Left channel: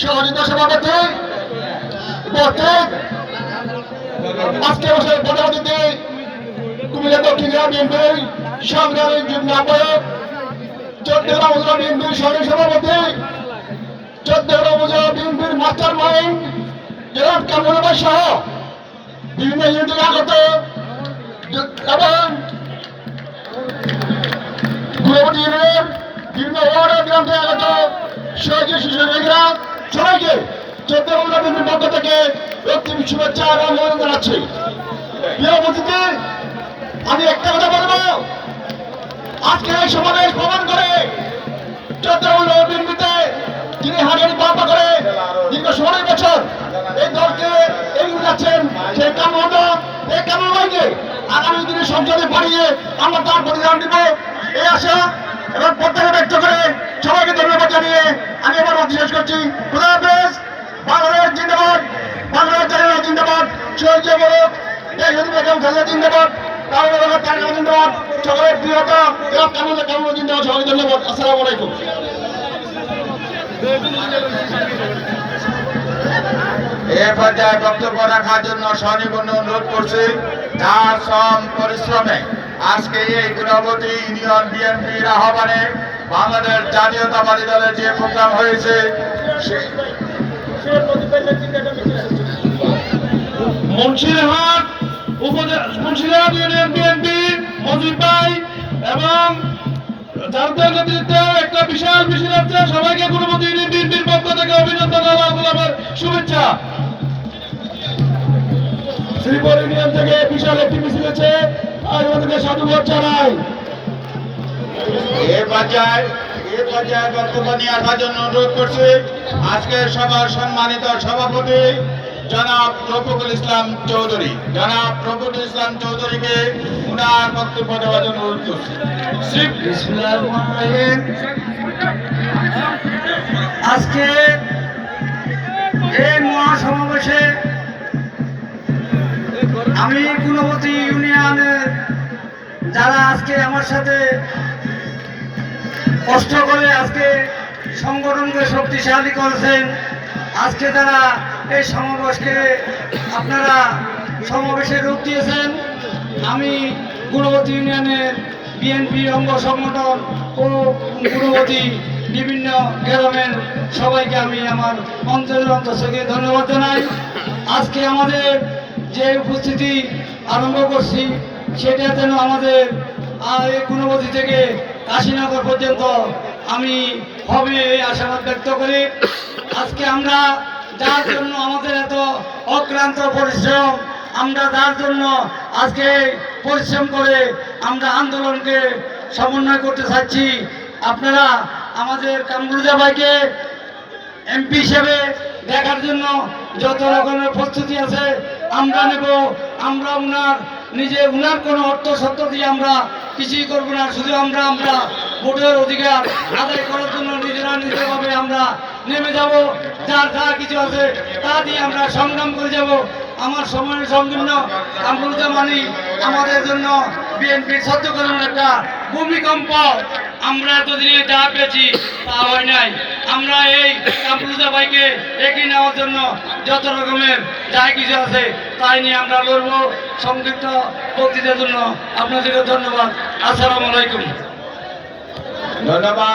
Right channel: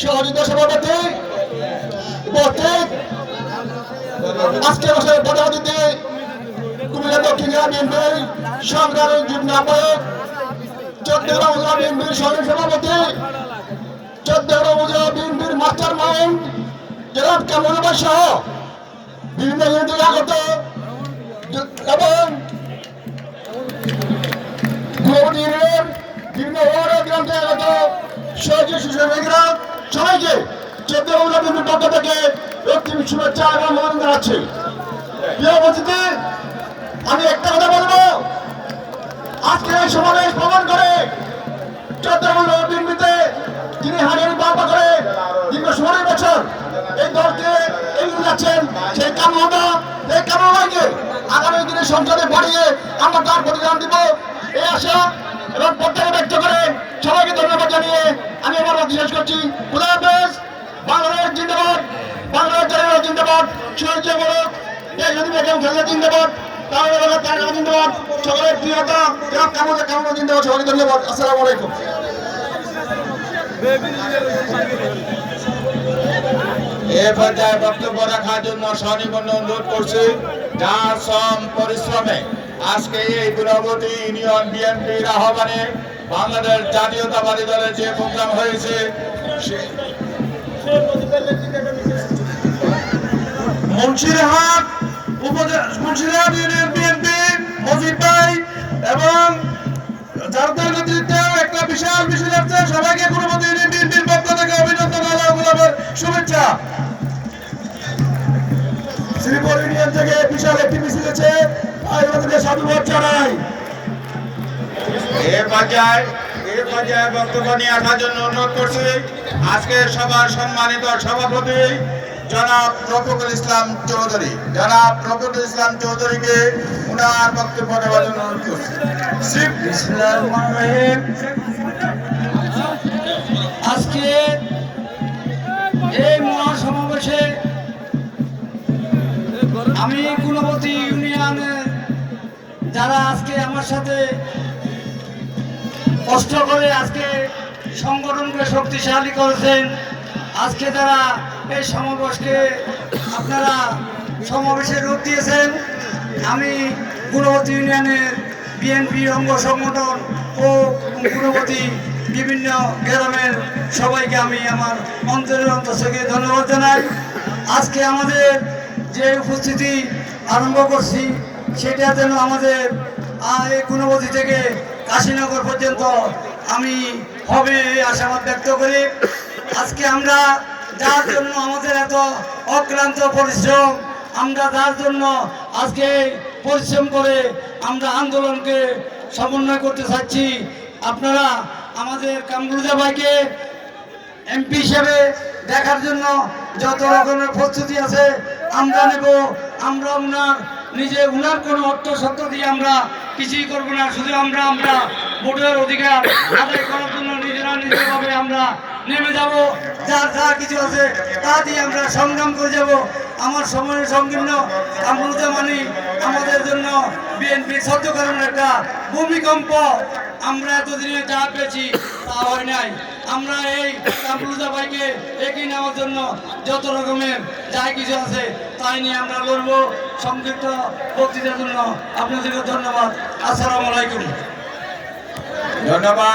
সহযোগিতা সভাপতি উপস্থিত আজকে বছর প্রধান অতিথি কুমিল্লা দক্ষিণ জেলা বিএনপি সংগ্রামী যুগ্ম আহ্বায়ক চট্টগ্রাম উপজেলা বিএনপির সাধারণ সভাপতি চট্টগ্রাম উপজেলা বিএনপির মাস্টার মাইন্ড জনাব কামরুল ভাই সহ বিভিন্ন ইউনিট আগত এবং গুরুপতি ইউনিয়ন বিভিন্ন ওয়ার্ডের গ্রাম থেকে আগত সহযোগী সুযোগীরা সবাইকে চট্টগ্রাম উপজেলা বিএনপির পক্ষ থেকে রক্তিম শুভেচ্ছা এবং অভিনন্দন জানাচ্ছি। প্রিয় উপস্থিতি, আমি একটা কথা বলবো, আজকে এই সমাবেশ প্রমাণ করে চট্টগ্রাম বিএনপিতে যিনি হারিয়ে পাল্টা করে দীর্ঘ 16 বছর এই দলকে এগিয়ে যাচ্ছেন সেই কামনা এই কামনাকে আগামী দিনে সংসদে বাড়িয়ে আমরা তার প্রতিদান দিব এই আশা এবং প্রত্যাশা ব্যক্ত করে সবাইকে ধন্যবাদ জানিয়ে আমি আমার মত শেষ করছি। খুদা হাফেজ। বাংলাদেশ জিন্দাবাদ, বাংলাদেশ জাতীয় জিন্দাবাদ, শহীদ বলক বেগম খালেদা জিন্দাবাদ, জিন্দাবাদ, সকলের প্রিয়তা কামনা জিন্দাবাদ, সবাইকে ধন্যবাদ। আসসালামু আলাইকুম। এ পর্যায়ে বক্তব্য রাখার জন্য সনিপন্ন অনুরোধ করছি। তার শ্রম পরিশ্রমে আজকে এই গুণবতী ইউনিয়ন বিএনপির আহ্বানে বাংলাদেশ জাতীয়তাবাদী দলের যে প্রোগ্রাম হয়েছে মুন্সিরহাট ইউনিয়ন বিএনপি মজিদ ভাই এবং যাদের নেতৃত্বে একটা বিশাল মিছিল হচ্ছে, সবাইকে গুণবতী ইউনিয়ন বিএনপির পক্ষ থেকে অভিনন্দন এবং শুভেচ্ছা। শ্রীপুর ইউনিয়ন থেকে বিশাল একটি মিছিল হচ্ছে, তাই ওদেরকে সাধুবাদ জানাই। এ পর্যায়ে বক্তব্য নিয়ে আসার জন্য অনুরোধ করছি আজকের সভার সম্মানিত সভাপতি জনাব রফিকুল ইসলাম চৌধুরী। জনাব রফিকুল ইসলাম চৌধুরীকে উনার বক্তব্য দেওয়ার জন্য অনুরোধ করছি। আজকে এই মহাসমাবেশে আমি গুণবতী ইউনিয়নের যারা আজকে আমার সাথে কষ্ট করে আজকে সংগঠনকে শক্তিশালী করেছেন, আজকে তারা এই সমাবেশকে আপনারা সমাবেশে রূপ দিয়েছেন, আমি গুণবতী ইউনিয়নের বিএনপি অঙ্গ সংগঠন ও গুণবতী বিভিন্ন গ্রামের সবাইকে আমি আমার অন্তরের অন্তর থেকে ধন্যবাদ জানাই। আজকে আমাদের যে উপস্থিতি আরম্ভ করছি সেটা যেন আমাদের এই গুণবতী থেকে কাশীনগর পর্যন্ত আমি হবে এই আশাবাদ ব্যক্ত করি। আজকে আমরা যার জন্য আমাদের এত অক্লান্ত পরিশ্রম, আমরা যার জন্য আজকে পরিশ্রম করে আমরা আন্দোলনকে সমন্বয় করতে চাচ্ছি, আপনারা আমাদের কামরুজা ভাইকে এমপি হিসেবে দেখার জন্য যত রকমের প্রস্তুতি আছে আমরা নেব। আমরা উনার কোনো অর্থ সত্য দিয়ে আমরা কিছুই করব না, শুধু আমরা ভোটের অধিকার আদায় করার জন্য নিজেরাভাবে আমরা নেমে যাব। যার যা কিছু আছে তা দিয়ে আমরা সংগ্রাম করে যাব। আমার সময়ের সংকীর্ণ কামরুজা মানি আমাদের জন্য বিএনপির সত্যকরণের একটা ভূমিকম্প। আমরা এতদিনে যা পেয়েছি তা হয় নাই। আমরা এই কামরুজা ভাইকে এগিয়ে নেওয়ার জন্য যত রকমের যা কিছু আছে তাই নিয়ে আমরা লড়বো। সংক্ষিপ্ত বক্তৃতার জন্য আপনাদেরকে ধন্যবাদ। আসসালামু আলাইকুম। ধন্যবাদ।